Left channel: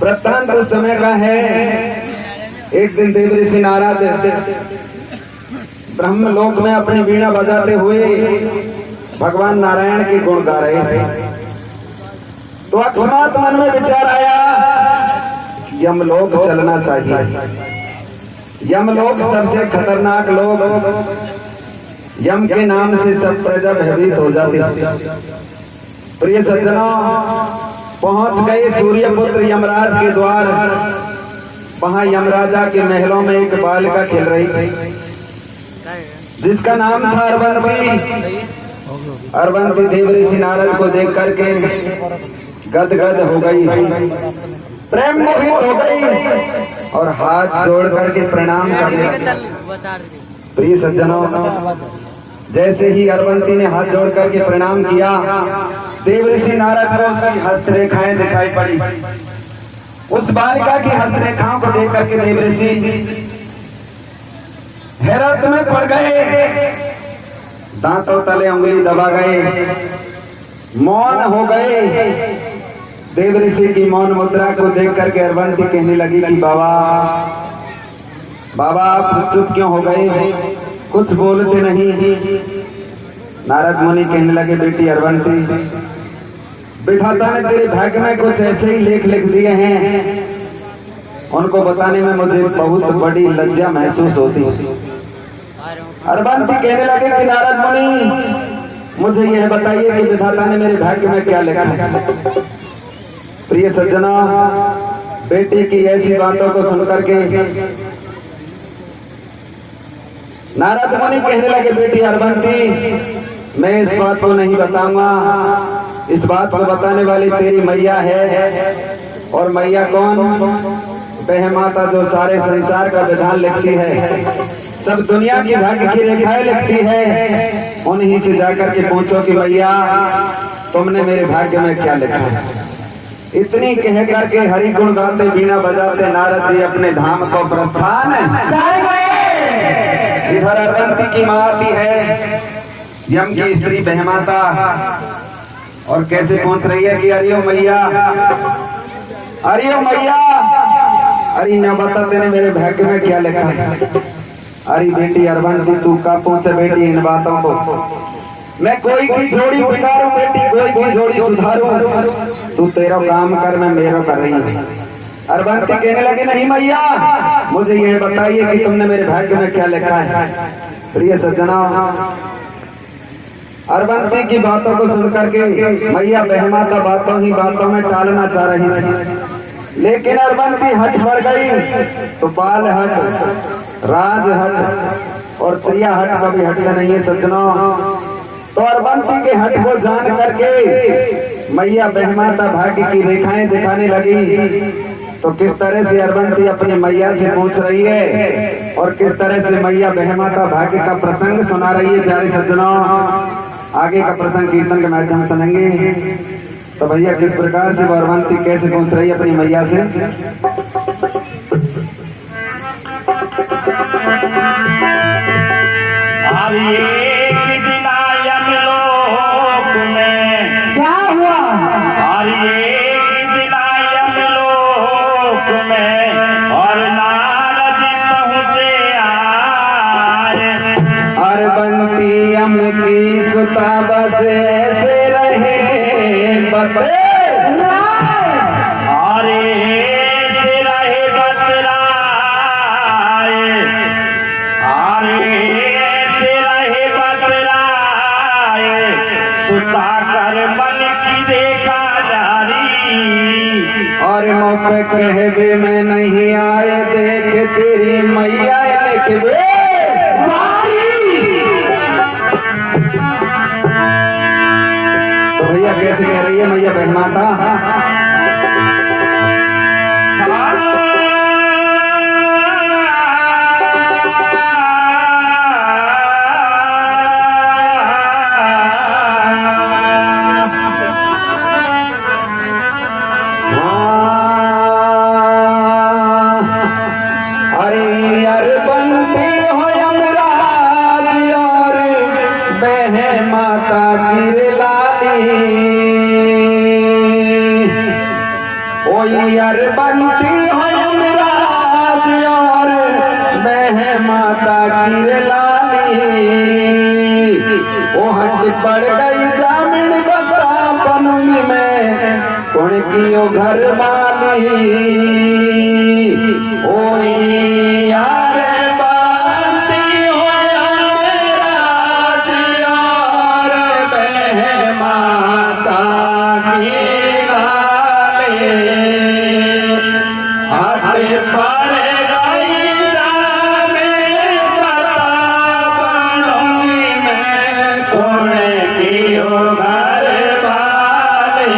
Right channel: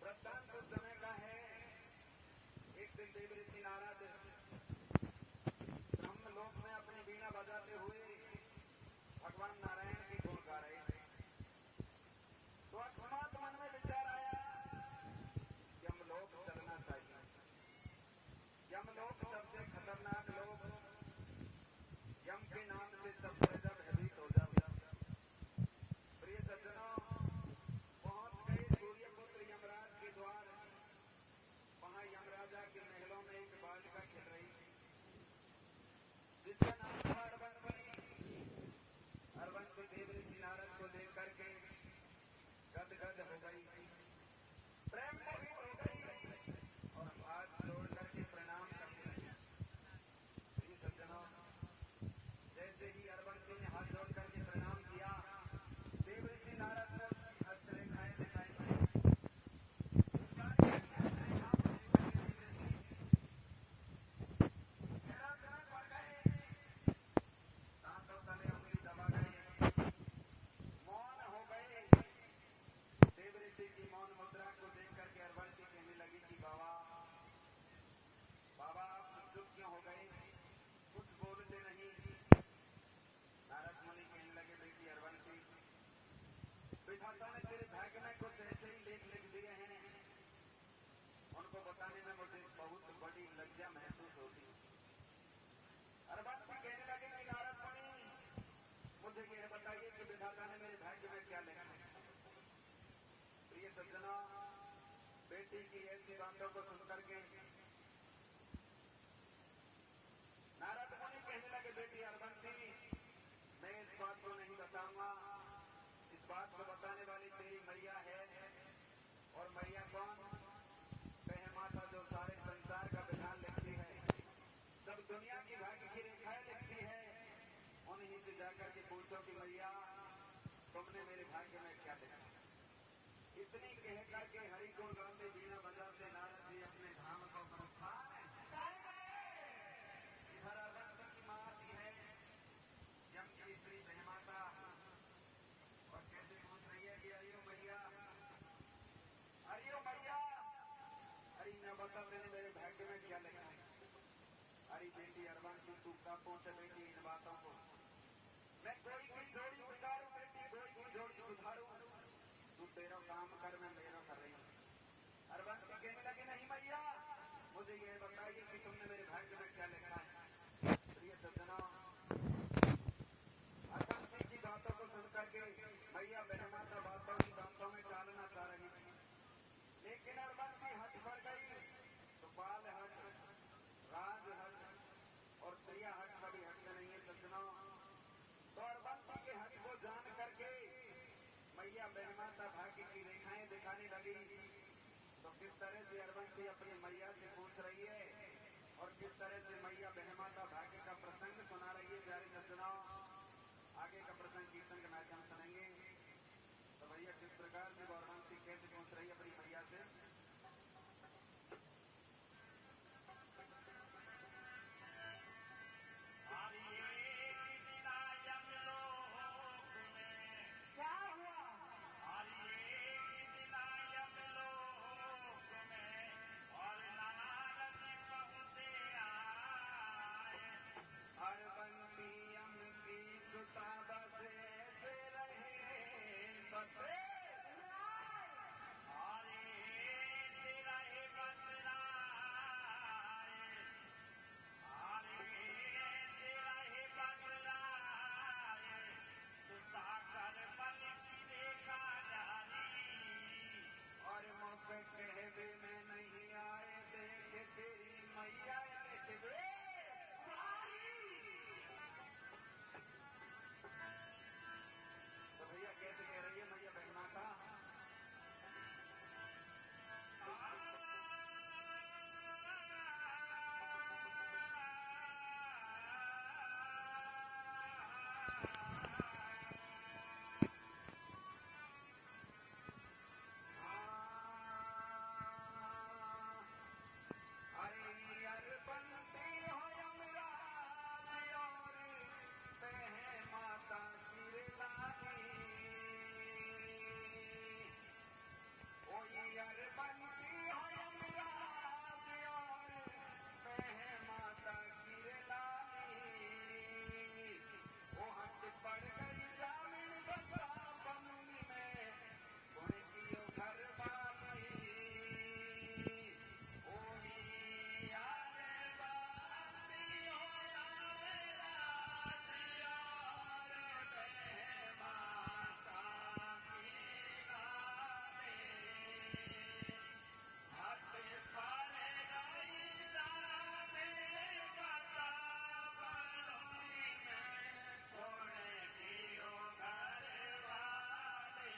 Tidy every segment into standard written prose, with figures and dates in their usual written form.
वृत्तांत उस समय का है। एक दिन देव ऋषि नारद ब्रह्मलोक में अपनी वीणा बजाते हुए भगवान नारायण के गुण गा रहे थे, तो अकस्मात मन में विचार आया यमलोक चलना चाहिए। यमलोक सबसे खतरनाक लोग, यम के नाम से सब प्रजा भयभीत हो जाती है। प्रिय सज्जनों, पहुंच गए सूर्यपुत्र यमराज के द्वार। वहां यमराजा के महलों में एक बालिका खेल रही थी जिसका नाम था अरबंती। अरबंती देव ऋषि नारद को देख करके गदगद हो गई, प्रेम मोहित हो गई और हाथ जोड़ करके प्रणाम करने लगी। प्रिय सज्जनों, जैसे ही अरबंती ने हाथ जोड़ करके प्रणाम किया, देव ऋषि नारद को उसकी हस्तरेखाएं दिखाई पड़ी। उस बालिका की हस्तरेखाओं को देख करके देव ऋषि हैरत में पड़ गए, दांतों तले उंगली दबा गए, मौन हो गए। देव ऋषि की मौन मुद्रा को देख करके अरबंती कहने लगी कि बाबा बाबा आप चुप क्यों हो गए, कुछ बोलते नहीं। नारद मुनि कहने लगे, बेटी अरबंती, विधाता ने तेरे भाग्य में कुछ ऐसे ही लेख लिख दिए हैं, उनको बताने में मुझे बहुत बड़ी लज्जा महसूस होती है। अरबंती कहने लगे कि नारद मुनि, मुझे यह बताइए कि विधाता ने मेरे भाग्य में क्या लिखा है। प्रिय सज्जनों, बेटी की ऐसी बातों को सुनकर के नारद मुनि कहने लगे, बेटी अरबंती, मैं इस बात को नहीं बताऊंगा, इस बात को बताने वाली तेरी मैया है। और मैया कौन? वह माता जो सारे संसार का विधान लिखती है, सब दुनिया की भाग्य की रेखाएं लिखती है। उन्हीं से जाकर के पूछो कि मैया तुमने मेरे भाग्य में क्या लिखा है। इतनी कह करके हरि गुण गाते बीना बजाते नारद जी अपने धाम को प्रस्थान इधर अरबंती की मां आती है, यम की स्त्री बहमाता, और कैसे पूछ रही है कि अरियो मैया, अरियो मैया, अरे न बता तेने मेरे भाग्य में क्या लिखा है। अरे बेटी अरबंती, तू का पूछे बेटी इन बातों को, मैं कोई की जोड़ी बिगाड़ू बेटी, कोई की जोड़ी सुधारू, तू तेरा काम कर, मैं मेरो कर रही हूँ। अरबंती कहने लगे, नहीं मैया, मुझे यह बताइए कि तुमने मेरे भाग्य में क्या लिखा है। प्रिय सज्जनों, अरबंती की बातों को सुनकर के मैया बहमाता बातों ही बातों में टालना चाह रही थी, लेकिन अरबंती हट पड़ गई तो बाल हट, राज हट और त्रिया हट कभी हटते नहीं है सज्जनों। तो अरबंती के हट को जान करके मैया बहमाता भाग्य की रेखाएं दिखाने लगी। तो किस तरह से अरबंती अपनी मैया से पूछ रही है और किस तरह से मैया बहमाता भाग्य का प्रसंग सुना रही है। प्यारे सज्जनों, आगे का प्रसंग कीर्तन के माध्यम से सुनेंगे। तो भैया किस प्रकार से अरबंती कैसे पूछ रही है अपनी मैया से। क्या हुआ? और नारद पहुंचे आए, अरबंती यम की सुता बस ऐसे रहे बते, अरे से रहे बतराए, अरे से रहे बतराए, सुता कर मन की देखा जारी, और मुख कहबे में नहीं आए, देख तेरी मैया लिखबे। तो भैया कैसे कह रही है मैया बहमाता। यार बनती हो यमराज और बह माता की लाली। ओ हट पड़ गई जामिन बता बनूंगी मैं कौन की ओ घर वाली। ओ यार बनती हो यमराज और बह माता की लाली। हट पड़ गई जामिन बता बनूंगी मैं कौन की ओ घर वाली।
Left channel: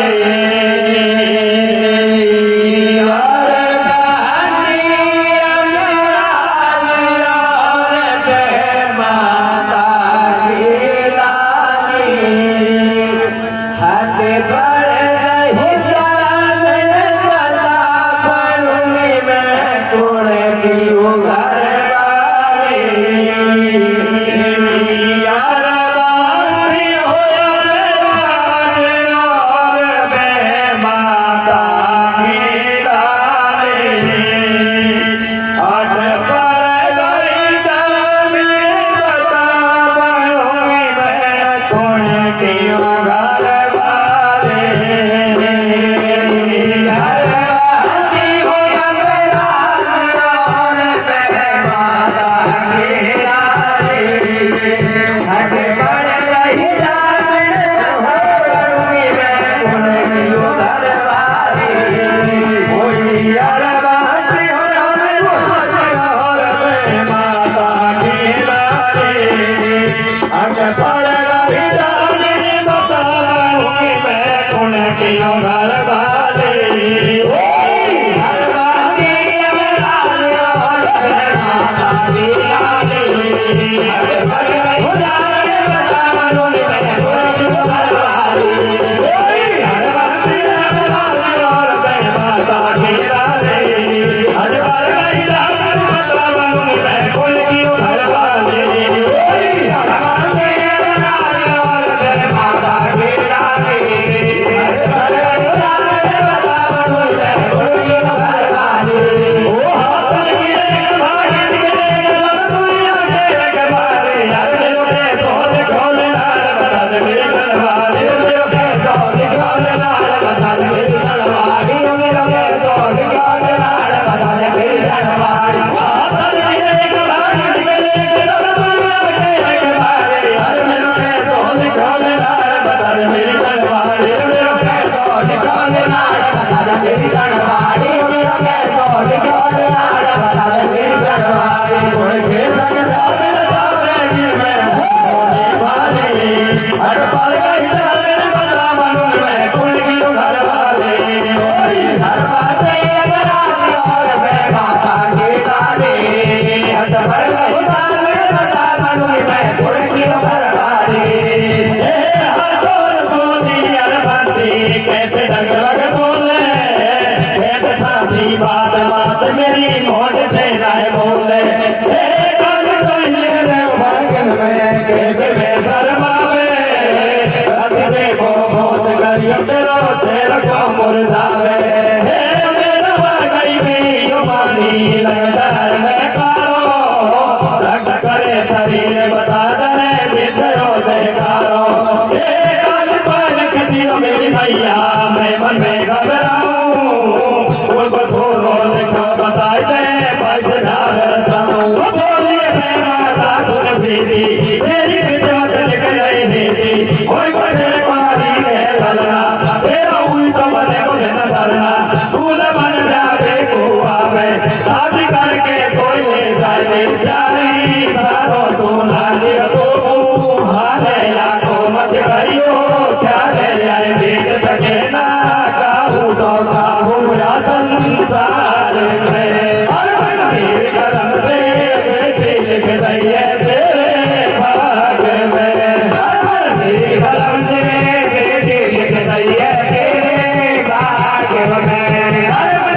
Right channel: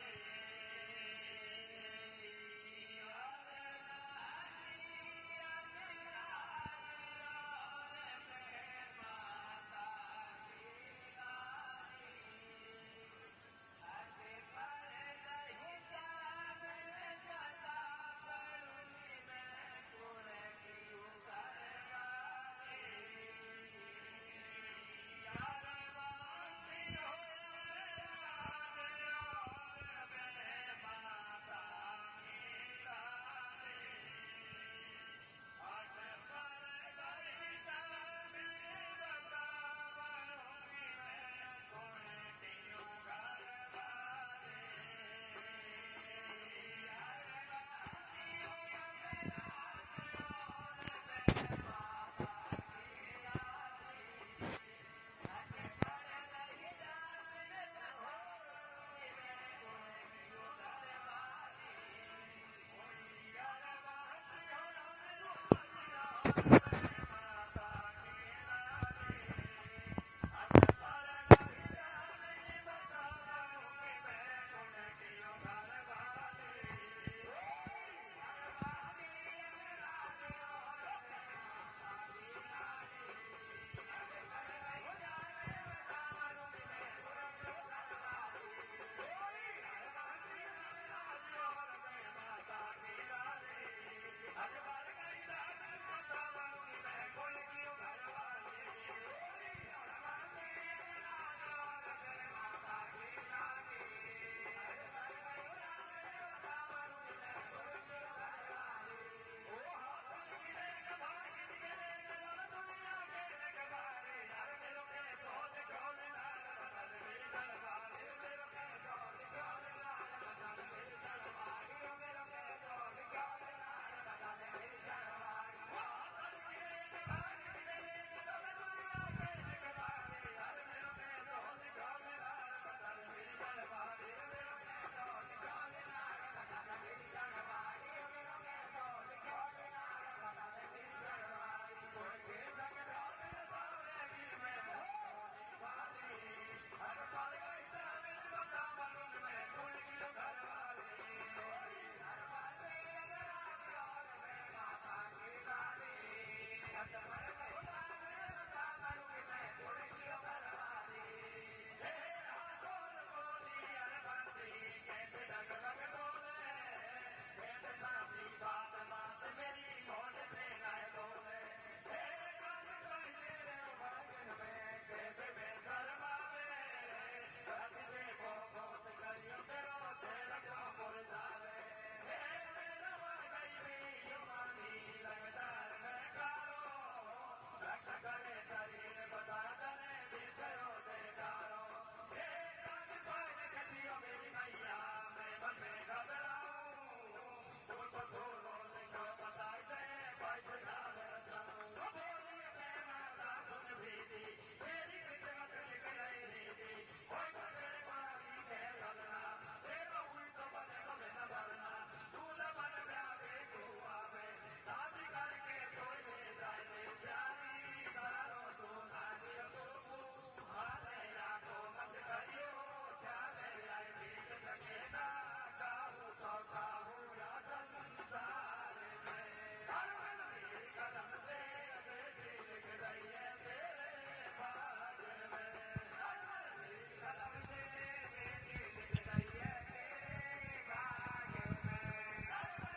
Yeah.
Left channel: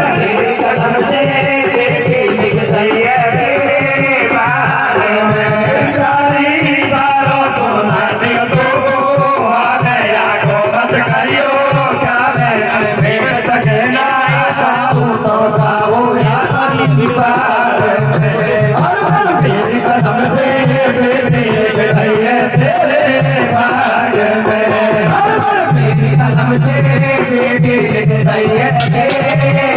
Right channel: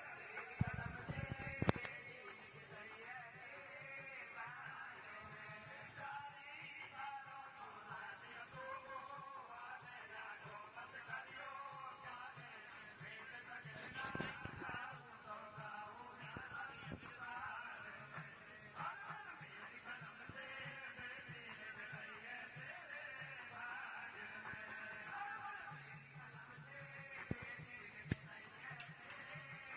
Hey,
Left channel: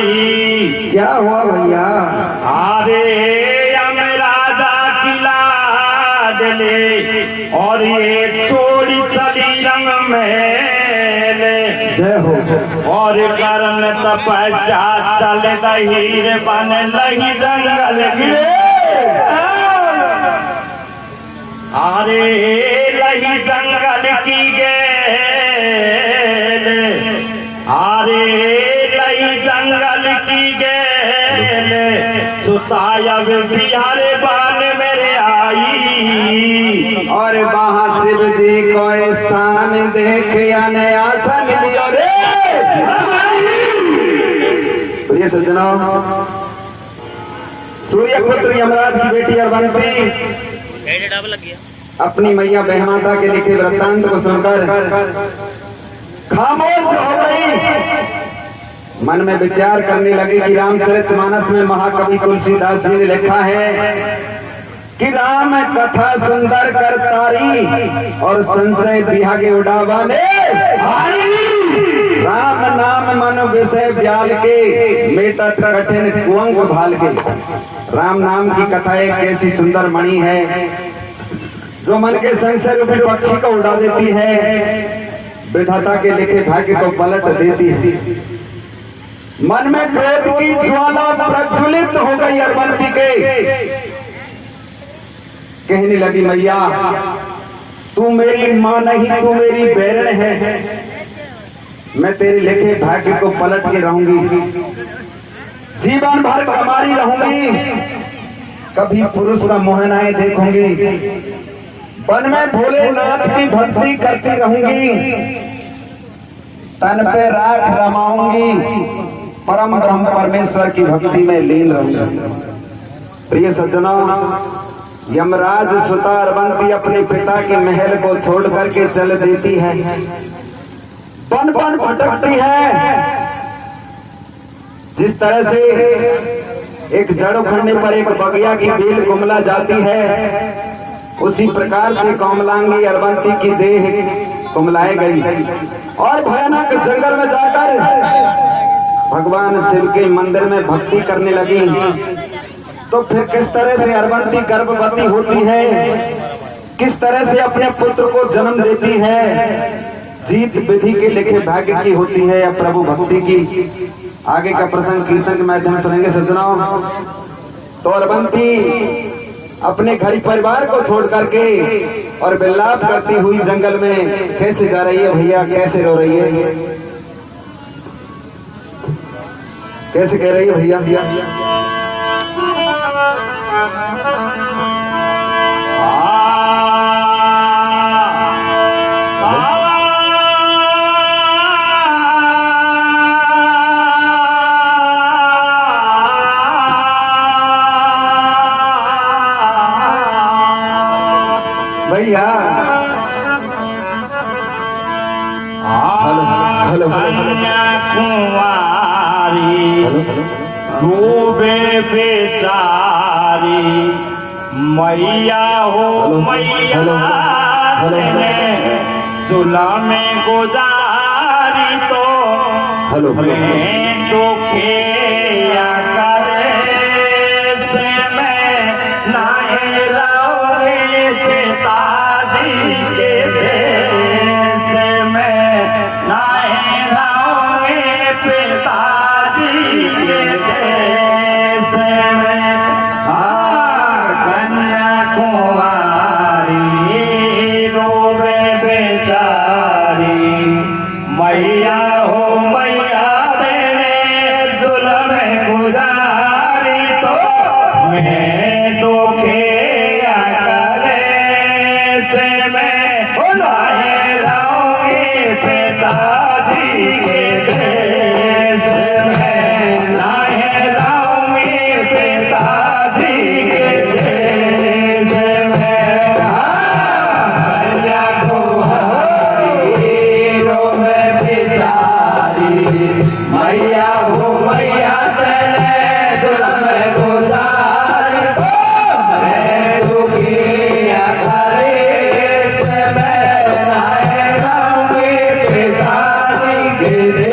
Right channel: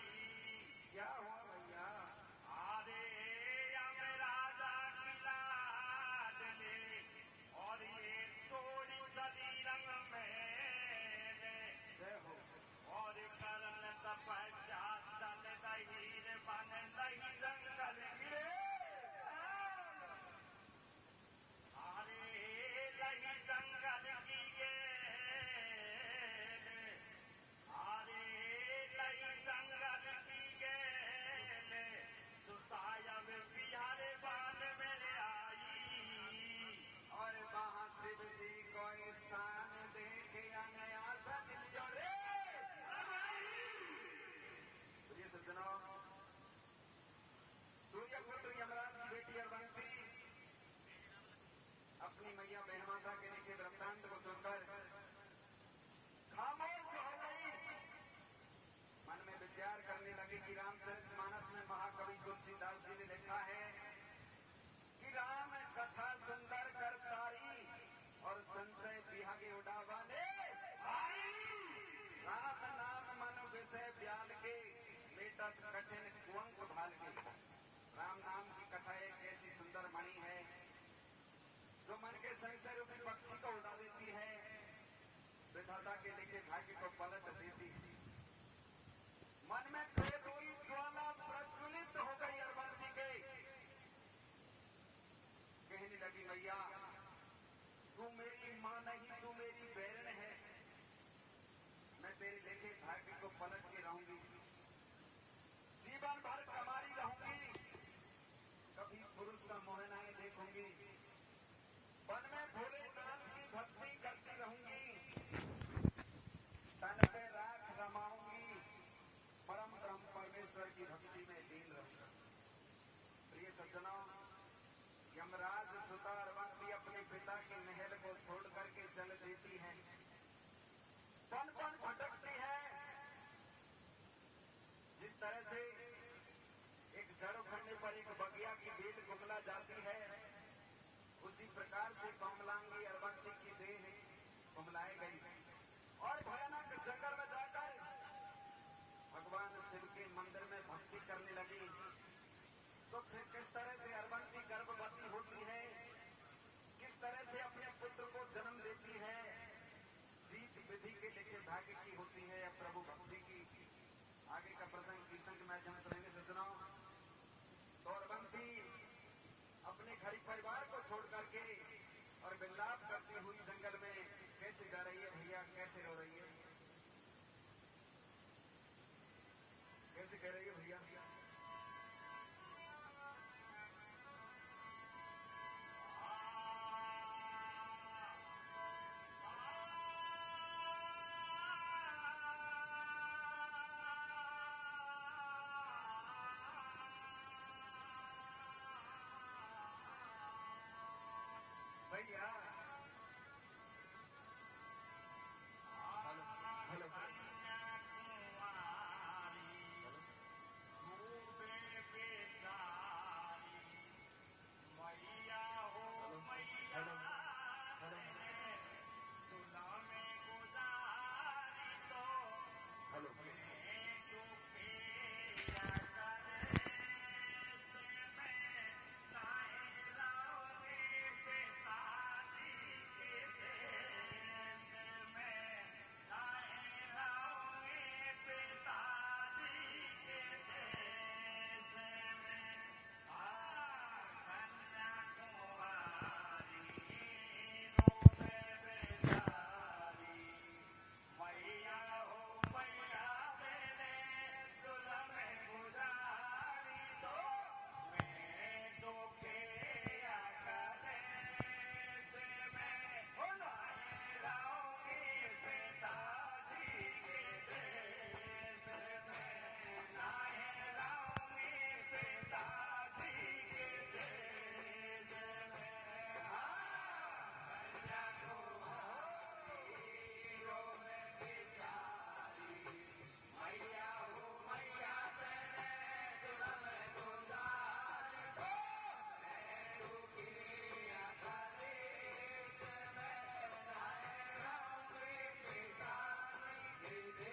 ली। क्या हुआ भैया? अरे यमराजा की लाडले और ये छोड़ी चली रंग में जय हो। और करन तपस्या चल दही रे बन लही जंगल गिरे। अरे लही जंगल की गेल, अरे लही जंगल की गेल, सुतायब बिहार बान मेरे आई। और वहां शिव जी को स्थान देख आने आसन लियो रे। प्रिय सज्जनों, सूर्य पुत्र यमराज की बेटी अरबंती अपनी मैया बहमाता के लिखे वृत्तांत को सुनकर खामोश हो गई। मन में विचार करने लगी कि रामचरितमानस में महाकवि तुलसीदास जी ने लिखा है कि राम कथा सुंदर कर तारी और संशय बिहागे उड़ावा ने। राम नाम मन विषय ब्याल के मेटत कठिन कुंग भाल के। राम नाम की कथा एक ऐसी सुंदर मणि है जो मन के संशय रूपी पक्षी को उड़ा देती है, विधाता के लिखे भाग्य को पलट देती है। मन में क्रोध की ज्वाला प्रज्वलित हो गई अरबंती के। कहने लगी, मैया तू मेरी मां नहीं, तू मेरी बैरण है। मैं तेरे लिखे भाग्य को पलट के रहूंगी, जीवन भर कमारी रहूंगी, कभी पुरुष का मुंह नहीं देखूंगी, वन में भोलेनाथ की भक्ति करती रहूंगी, तन पे राख रमाऊंगी, परम ब्रह्म परमेश्वर की भक्ति में लीन रहूंगी। प्रिय सज्जनों, यमराज सुता अरबंती अपने पिता के महल को छोड़ करके चल देती है, बन बन भटकती है। जिस तरह से एक जड़ उखड़ने पर एक बगिया की बेल कुमला जाती है, उसी प्रकार से कोमलांगी अरबंती की देह कुमलाए गई और भयानक जंगल में जाकर भगवान शिव के मंदिर में भक्ति करने लगी। तो फिर किस तरह से अरबंती गर्भवती होती है, किस तरह से अपने पुत्र को जन्म देती है, जीत विधि के लिखे भाग्य की होती है या प्रभु भक्ति की। आगे का प्रसंग कीर्तन के माध्यम से सुनेंगे सज्जनों। तो अरबंती अपने घर परिवार को छोड़ करके और विलाप करती हुई जंगल में कैसे जा रही है भैया, कैसे रो रही है, कैसे कह रही है भैया? भैया हेलो कुंवारी डूबे बेचारी, मैया हो मैया चूल्हा में गुजारी तो मैं तो खेया करे से मैं नाए रहोगे पिताजी के देश में, नाए रहोगे पिताजी के देश में। कन्या कुंवारी रोवे बेचारी, मैया हो मैया तेरे जुल्म में गुजारी तो मैं तो खेया करे से मैं नाए रहोगे पिताजी के देश में, नाए रहोगे पिताजी के देश में। कन्या कुंवारी रोवे बेचारी, मैया हो मैया तेरे जुल्म में गुजारी तो मैं तो किया करे से मैं नाए रहोगे पिताजी के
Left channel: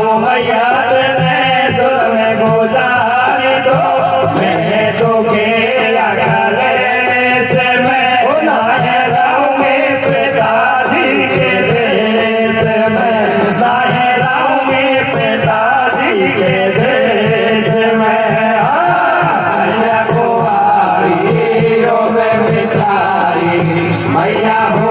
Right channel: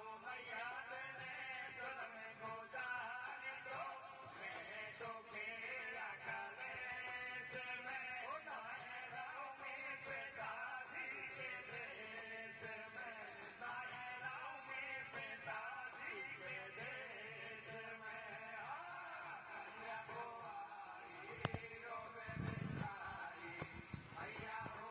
हो मैया तेने दुल में गुजारी दो मैं तो खेला करे से मैं नाहे रहूंगी पिताजी के देश में नाहे रहूंगी पिताजी के देश में मैया को आई रो में बिचारी मैया हो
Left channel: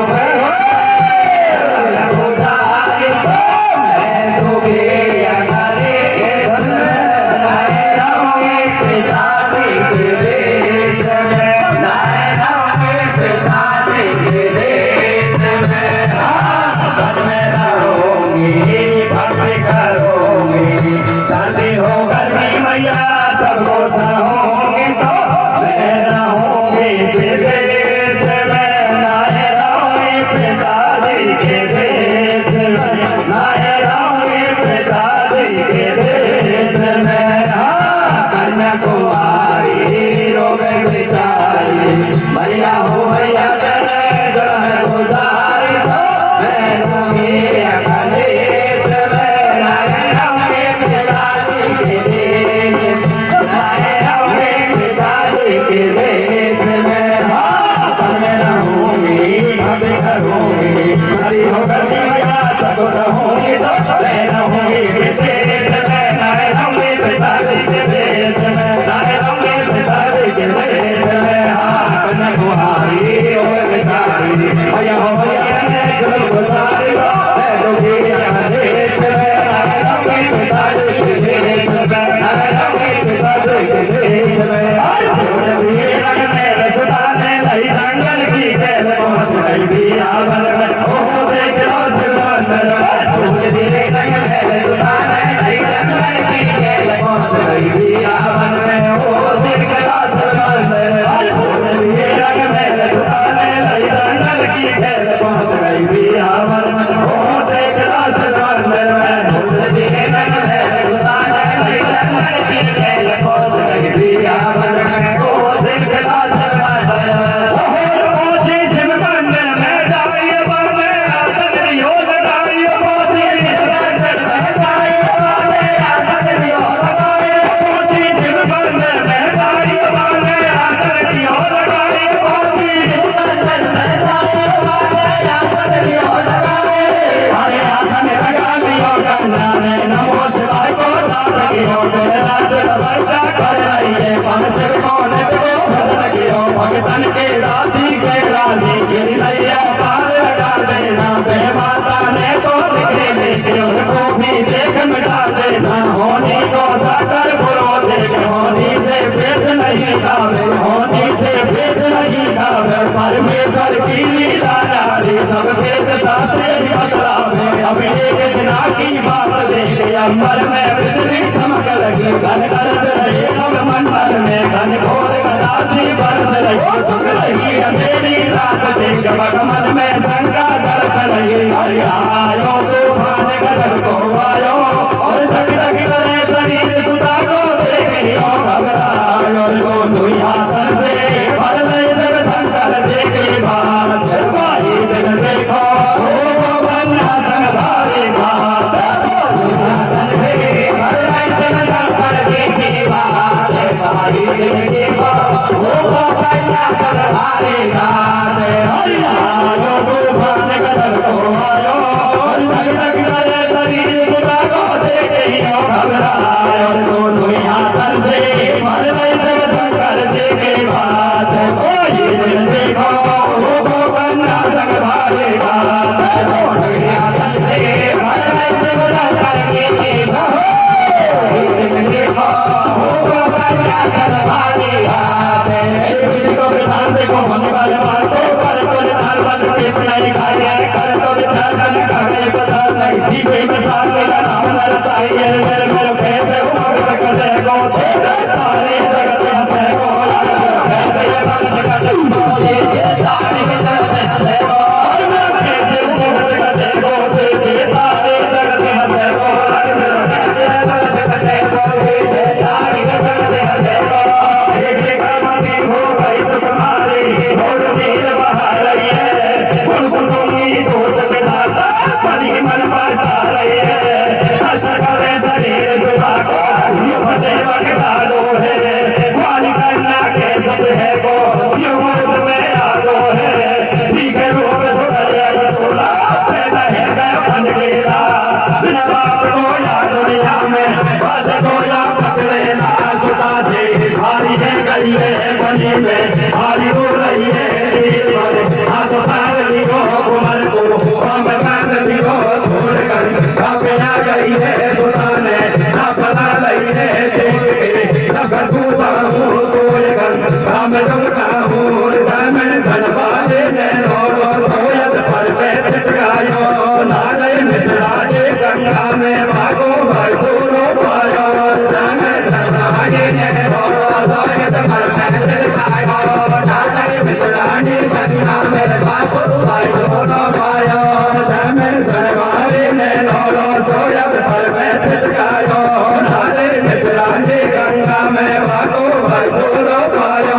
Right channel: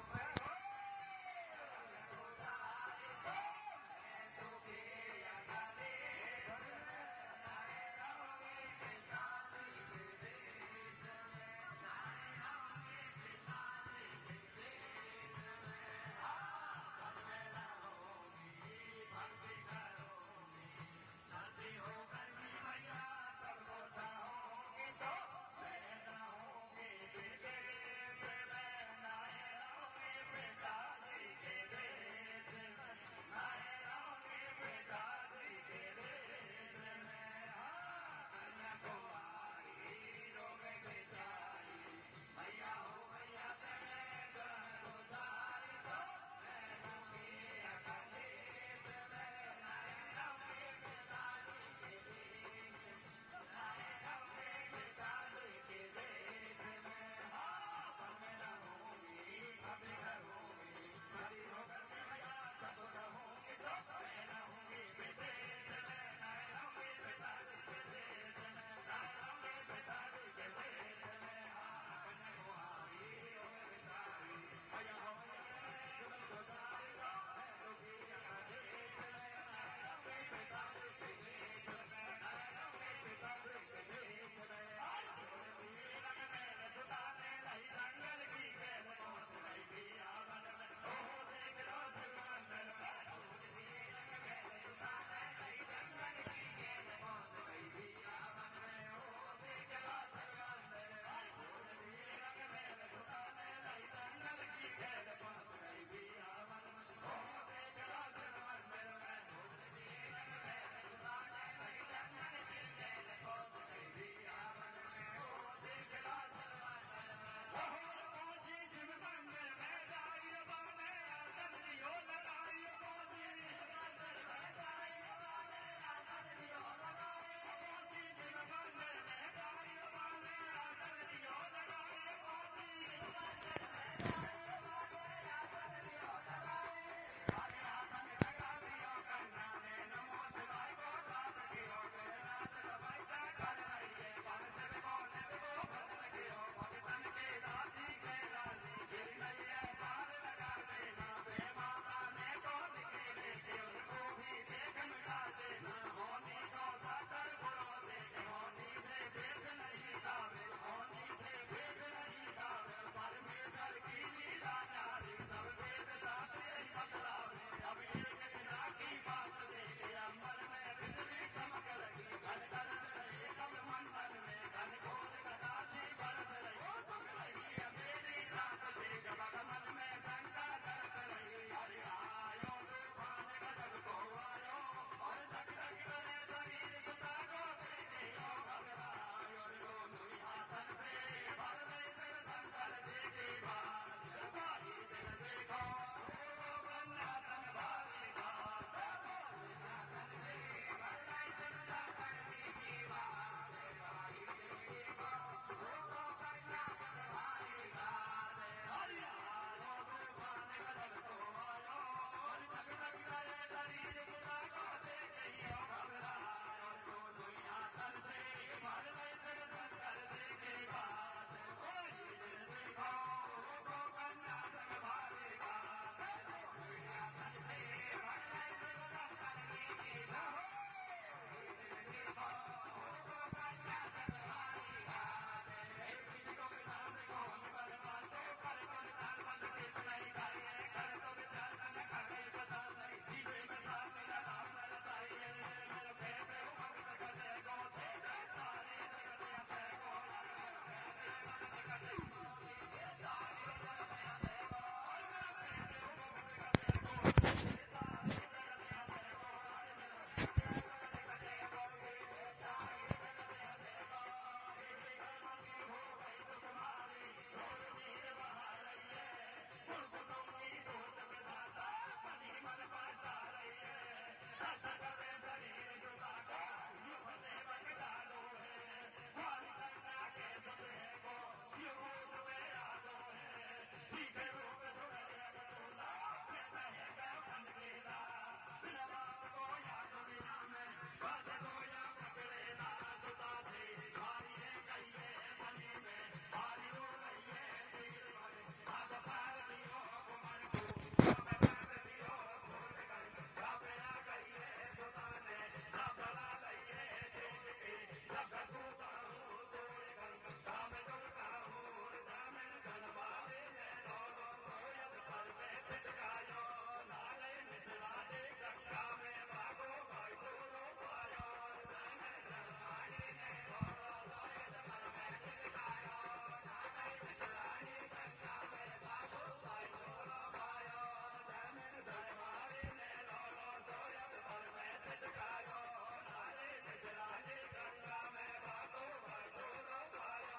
परमेश्वर की लीला नारी सब भेदता से बतलावे अब एक दिना की बात देख अंबर में बिजली चमक लगी घन गरज रही अब मंडल में घन घोर गदासी बरस रही सुख रही अंधेरी रात देख भगमन में शंका गरज रही हरि आयो तूफान गरज को आयो और जग जग करे शरीर सुधा को देख लियो घबरायो लो दुनिया तर से भर ले जग शंकर देखे बात भाई जग देखो हो बन्ना संग भारी बात भाई जग देखो हो बन्ना संग भारी बात हरि आयो तूफान गरज को आयो और जग जग करे शरीर सुधा को देख लियो घबरायो लो दुनिया तर से भर ले जग शंकर देखे बात भाई जग देखो हो बन्ना संग भारी बात दुनिया तर से भर ले जग शंकर देखे बात जग देखो हो बन्ना संग भारी बात को विधान देखो मन वाले बातों पर को निधान बन के सुनाई खाया कर तो विचार कर कहने पता नहीं जी कोई मिसाल मेरा नाम न चाहिए मेरे मेरे कैसे हो भगत करे को तेरे तारे जगत हंसे को कैसे भगत करे को ये तारे के जगत हंसे को और मैं कैसे भगत करे को तेरे तारे जगत हंसे को को या दुनिया में बस को या पकड़े ना सुता से भारी है गई है बनी में भारी हो रही है हाथ पार लिखो कुमार को हम कान लिखो छोड़कर पे आ गई है सुता ने ना पता लगी है अगर तू बाबू तो काम डुमका हूँ मैं धनबाजे ने रो सोयत पर पे छिटकायो नाले मिश्रा के गंगा में भागो भाई छोड़ो पायो मैं धनबाजे ने रो सोयत पर पे छिटकायो नाले मिश्रा के गंगा में भागो भाई छोड़ो पायो मैं धनबाजे ने रो सोयत पर पे छिटकायो नाले मिश्रा के गंगा में भागो भाई छोड़ो पायो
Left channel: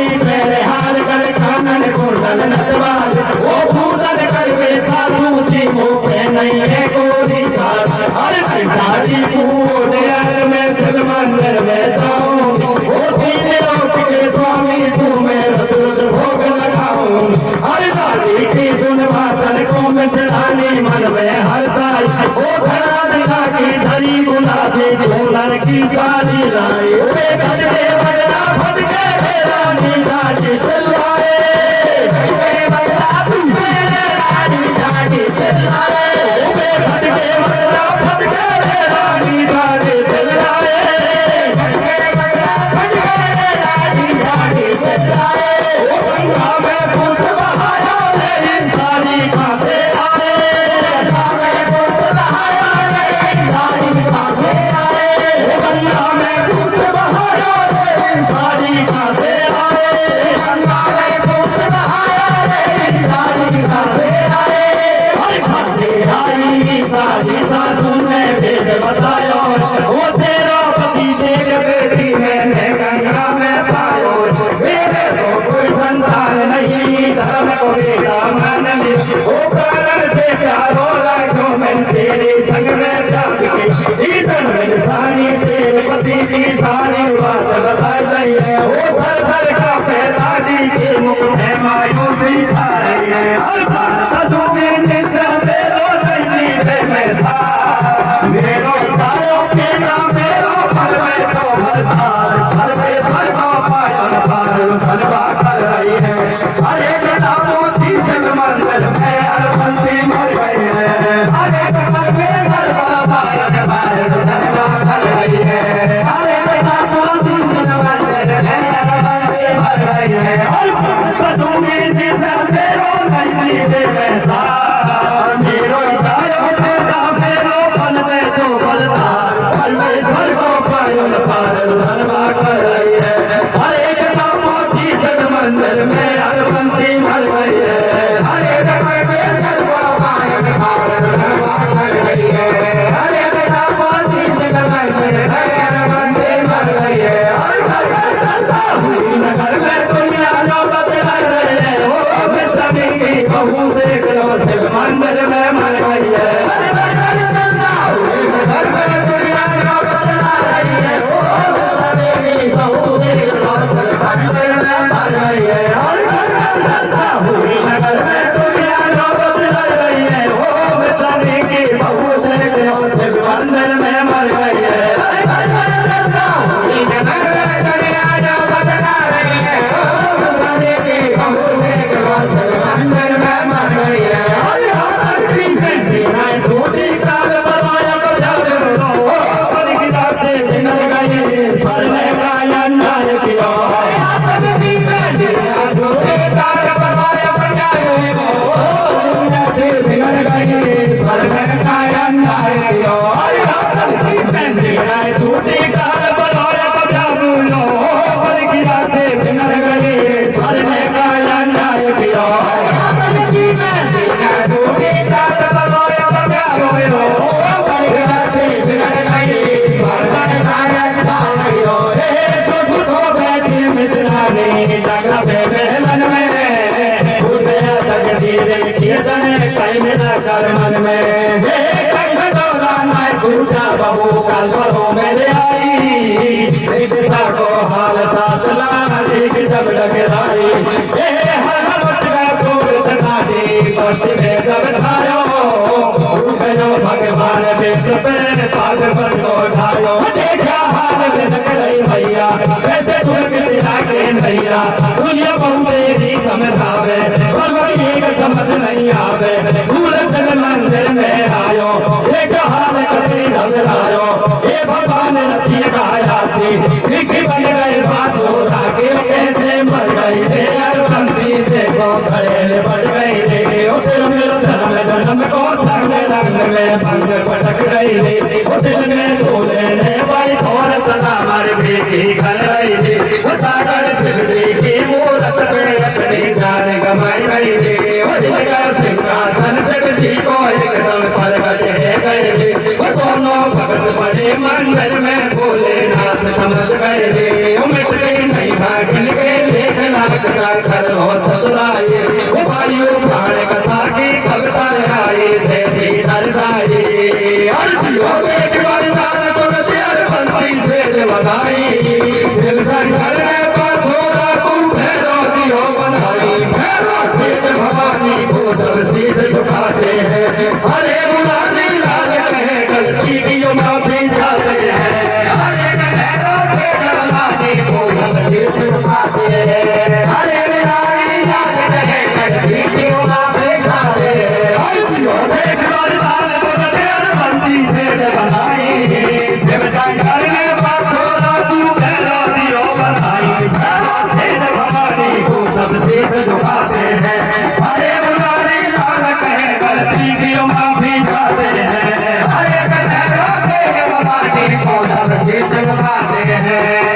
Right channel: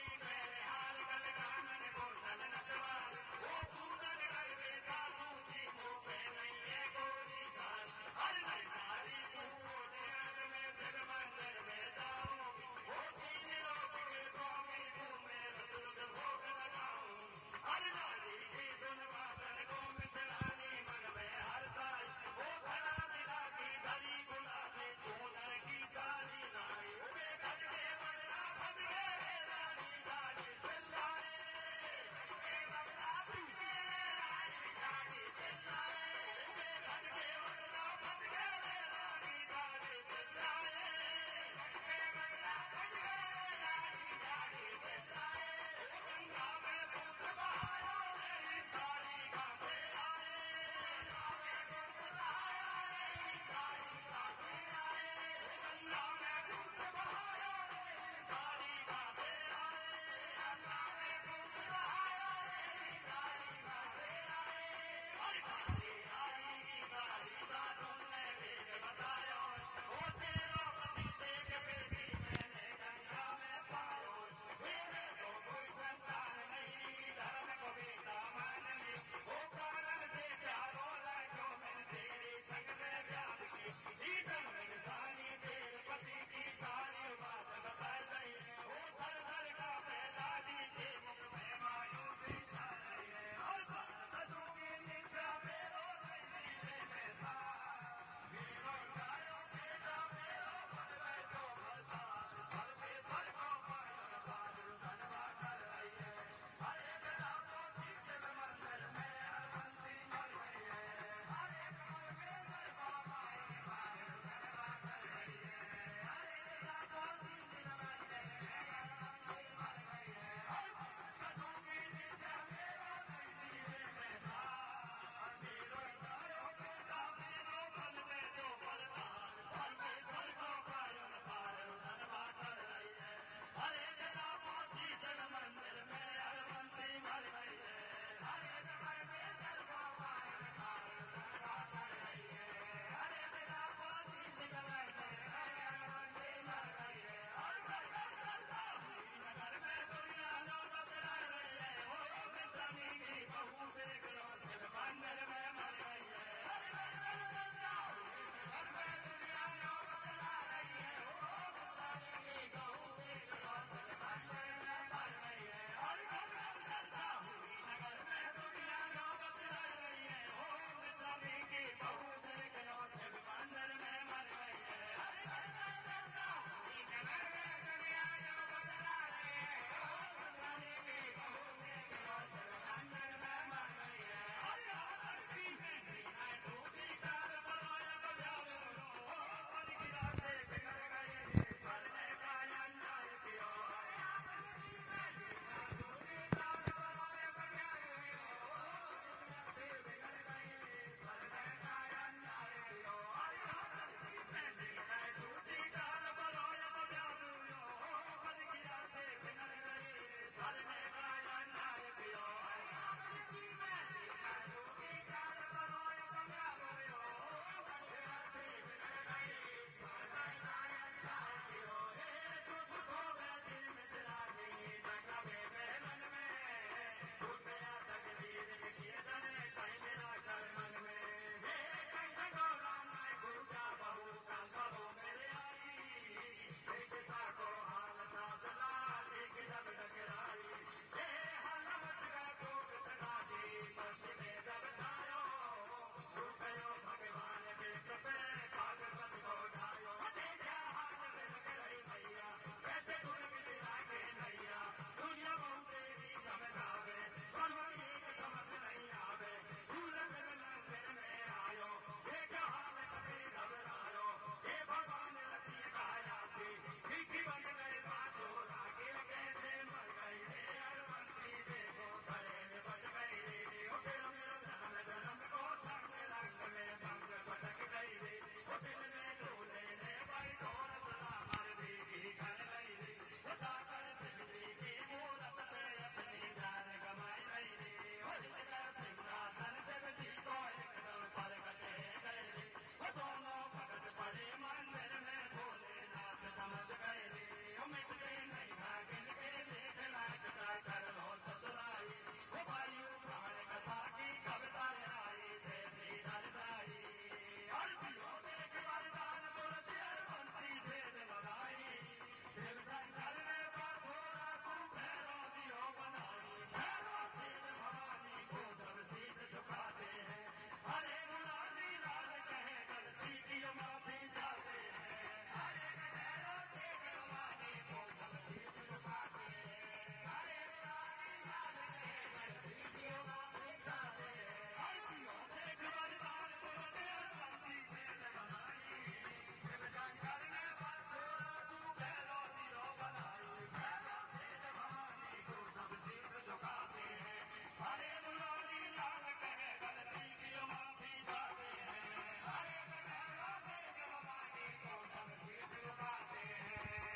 सोनी मेरे हार कर कानन कुंडल नटवार वो पूजन करवे साधु जी मुँह पे नहीं है कोई साथ हर साड़ी पूरे में शिव मंदिर में जाऊं वो तीन लोक के स्वामी तुम्हें रोज रोज भोग लगाऊं हर दादी की सुन बातन को मैं चढ़ानी मन में हर साई वो घड़ा दिखा की धरी गुलाबी झोलर की साड़ी लाई वे घटे बगला फटके रानी गाड़ी चलाए घटे बगला फटके रानी गाड़ी चलाए वे घटे बगला फटके रानी गाड़ी चलाए घटे बगला फटके रानी गाड़ी चलाए वो गंगा में पुट बहाया रे इंसानी खाते आए गंगा में पुट बहाया रे इंसानी खाते आए गंगा में पुट बहाया रे इंसानी खाते आए गंगा में पुट बहाया रे इंसानी खाते आए हर खाते आई सारी सासू ने भेद बतायो वो तेरा पति देख बेटी मैंने गंगा में पायो मेरे को कोई संतान नहीं धर्म को बेटा मान ली वो कारण से प्यारो लाखों में तेरे संग में जाती इधर में सारी तेरे पति की सारी बात बताई गई है वो घर घर का दादी के मुख में मायूसी छा रही है हर बात ससुर में निंदा मेरो नहीं थे मैं था मेरो तारो के नाम मेरो पर मैं तो हर बार घर पे सर को पायन पार धनवा कर रही है अरे बेटा मोती संग मंदिर में अरबंती मर गई है अरे बेटा मेरे घर का पायन पार धनवा कर रही है अरे बेटा मोती संग मंदिर में अरबंती मर गई है और सदों में जिंदा मेरो नहीं थे मैं था मेरो तारो के नाम मेरो पल में तो बलदार पल में घर को पायन पार धनवा कर रही है अरे बेटा मोती संग मंदिर में अरबंती मर गई है अरे बेटा मेरे घर को पायन पार धनवा कर रही है अरे बेटा मोती संग मंदिर में अरबंती मर गई है और घर में दुनिया जो बदला रहे हैं वो मैं सभी की बहू देख लो शिव मंदिर में मर गई है घर में दुनिया जो बदला रही है वो मैं सभी की बहू देख लो शिव मंदिर में मर गई है और घर में दुनिया जो बदला रही है वो मैं सभी की बहू देख लो शिव मंदिर में मर गई है मन में बहू का स्वरों में आई दिशा को हाल सास लाली जब डगराई हर सूर सनादी पश्चिम में जब छायो भगवान बेस पे पाग पर को ढायो देखा हाल में लग रही भैया कैसे ठुक दिला के भैया दुनिया बहु तेरी समझावे और एक समझ नहीं आवे भूल मंदिर में आयो एक हाल कभी घबरायो ये भगवान रची गाया थी बन गए बाजू रागे कैसे मर गई थे अरबंती देखो घड़ेल बढ़ गई थे मेरे धर्म जन्म को संग रंग में भंग पटक गई थी दिल में दूल्हे ने भाई और सदा मर बेटी घर गई थी सागर सिद्धि की मूरत पे अपनी जान गमाई गई थी सिंहासन जी को एकदम प्रगट गए थे वो दोनों भगत बड़े मंदिर में भोलेनाथ समझ गए थे मिट गई नहीं भागन के लेखन कटार कर हो चतुराई वायु प्राण कथा की कविता आई थे श्रीधर राई अर्थियों में वरदान को तेरे बंदी से बनाई शिव शंकर ने पाथोरा तुम भैरो दियो बनाई भैरो से भवानी को सब शीश झुकाते हैं हरे मुरारी लाल कहे गलती की माफी चाहते हैं हरे भैरो से भवानी को सब शीश झुकाते हैं हरे मुरारी लाल कहे गलती की माफी चाहते हैं अर्थियों में वरदान को तेरे बंदी से बनाई शिव शंकर ने पाथोरा तुम भैरो दियो बनाई भैरो से भवानी को सब शीश झुकाते हैं हरे मुरारी लाल कहे गलती की माफी चाहते हैं हरे भैरो से भवानी को सब शीश झुकाते हैं